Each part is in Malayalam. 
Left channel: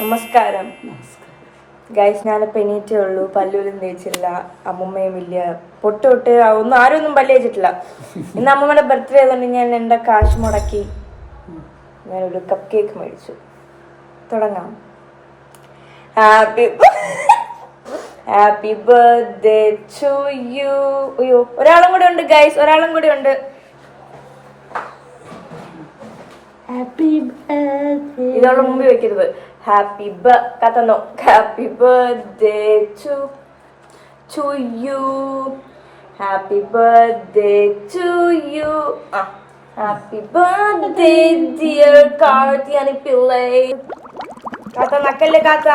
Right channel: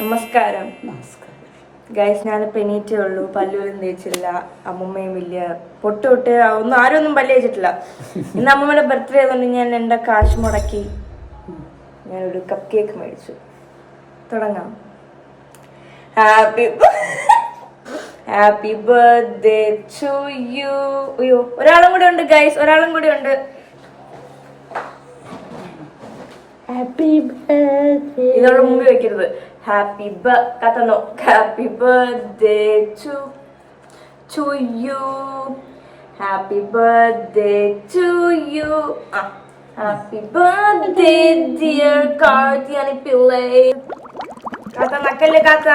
നമസ്കാരം ഗൈസ്, ഞാനിപ്പോൾ എണീറ്റേ ഉള്ളൂ. പല്ലൂരും തേച്ചില്ല, അമ്മമ്മയും ഇല്ല, പൊട്ട് ഒന്നും ആരും പല്ല് തേച്ചിട്ടില്ല. ഇന്ന് അമ്മമ്മയുടെ ബർത്ത്ഡേ ആയതുകൊണ്ട് ഞാൻ എൻ്റെ കാശ് മുടക്കി ഞാനൊരു കപ്പ് കേക്ക് മേടിച്ചു. തുടങ്ങാം. Happy birthday to you. അയ്യോ, ഒരാളും കൂടി ഉണ്ട് ഗൈസ്, ഒരാളും കൂടി ഉണ്ട്. ഇതോടെ മുമ്പ് വെക്കരുത്. Happy birthday to you. Happy birthday to you. Happy birthday dear Karthiyani പിള്ളേ. കാത്ത നക്കല്ലേ കാത്ത.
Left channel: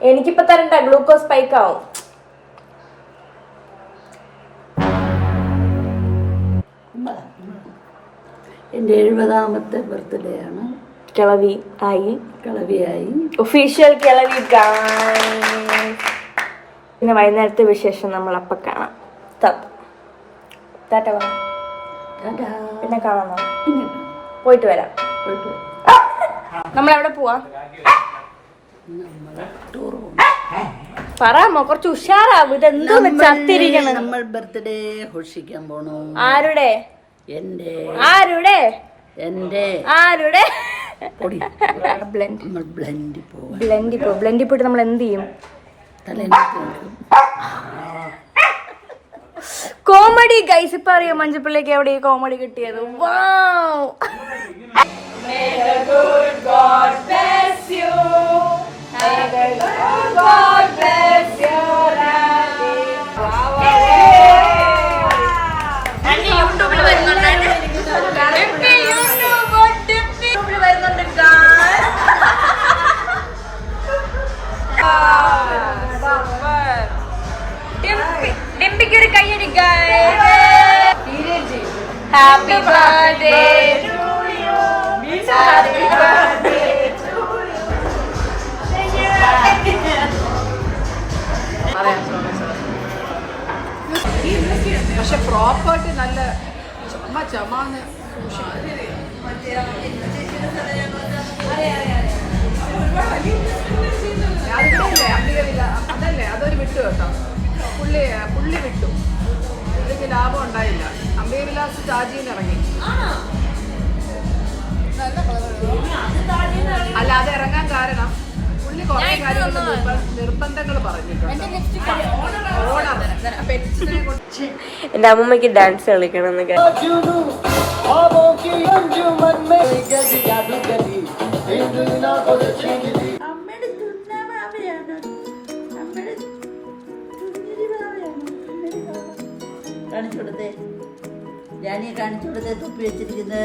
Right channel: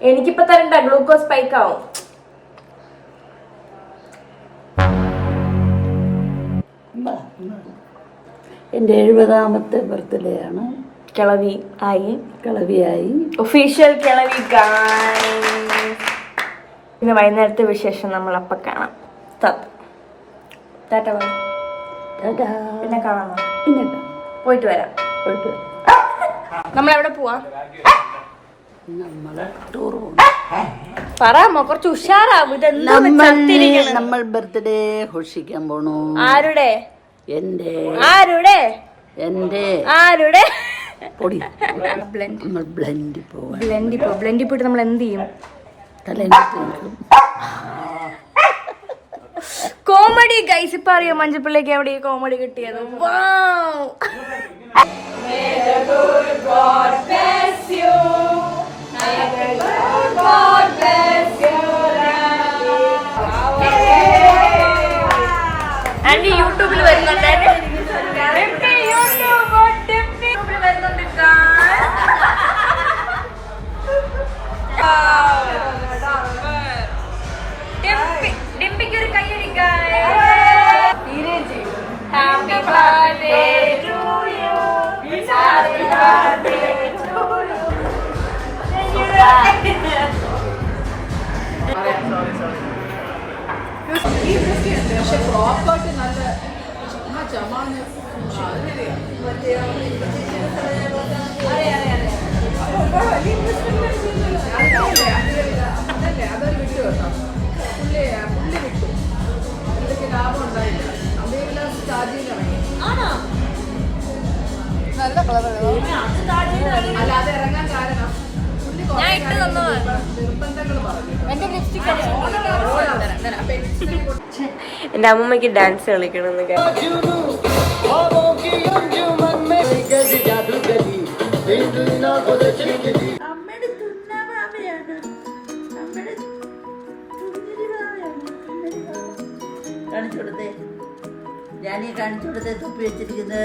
എനിക്കിപ്പോ തരണ്ട, ഗ്ലൂക്കോസ് സ്പൈക്ക് ആവും. എൻ്റെ 70ാമത്തെ ബർത്ത്ഡേ ആണ്. കിളവിയായി ഒഫീഷ്യൽ കിളവി. പിന്നെ വൈകുന്നേരത്തെ വിശേഷം നമ്മൾ അപ്പം കാണാം. പിന്നെ കാണാം, പോയിട്ട് വരാം. നമ്മളെവിടെ പോവാ? നമ്മള് ടൂർ പോകും. പറയാമോ? കുറച്ച് ഉഷാറാവും. ഇതെന്തോ നമ്മൾ ബർത്ത്ഡേ ഘോഷിക്കാൻ പോണു. ആരുടെ? എന്റെ. ആരുടെ? എന്റെ. ആരുടെ? പൊടി. നമ്മൾ ബ്ലെൻഡിൽ പോവാം. ബ്ലെൻഡിൽ പോയിട്ട് നമ്മൾ എന്ത് ചെയ്യും? Comedy guys. ഇപ്പൊ അറിയോ മഞ്ചപ്പിള്ളിക്ക് എവിടെ കോമഡി കിട്ടിയത്? യൂട്യൂബിൽ വരുന്നുണ്ട്. ഡിംപിക്ക് ഒരു കയ്യടി. Happy birthday to you. Happy birthday to you. പക്ഷെ പ്രോപ്പർട്ടി നല്ല ചമാന് അതൊരു വിട്ടു കേട്ടോ. പുള്ളി വിട്ടു. പുള്ളിക്ക് ലാഭം ഉണ്ടായില്ല. അമ്മയിലാസ് ചാർജിങ് ഇറങ്ങി. അല്ലാതെ ഇറങ്ങാൻ കാരണം പുള്ളി നിർബന്ധങ്ങൾ പറഞ്ഞു. എന്റെ അമ്മമ്മക്ക് ഡാൻസ് കളിക്കണം. കാണിച്ചു കൊടുത്തേ, ജാനിയെ കാണിച്ചു കൊടുത്തേ തൊപ്പി വെച്ചിരിക്കുന്നത്.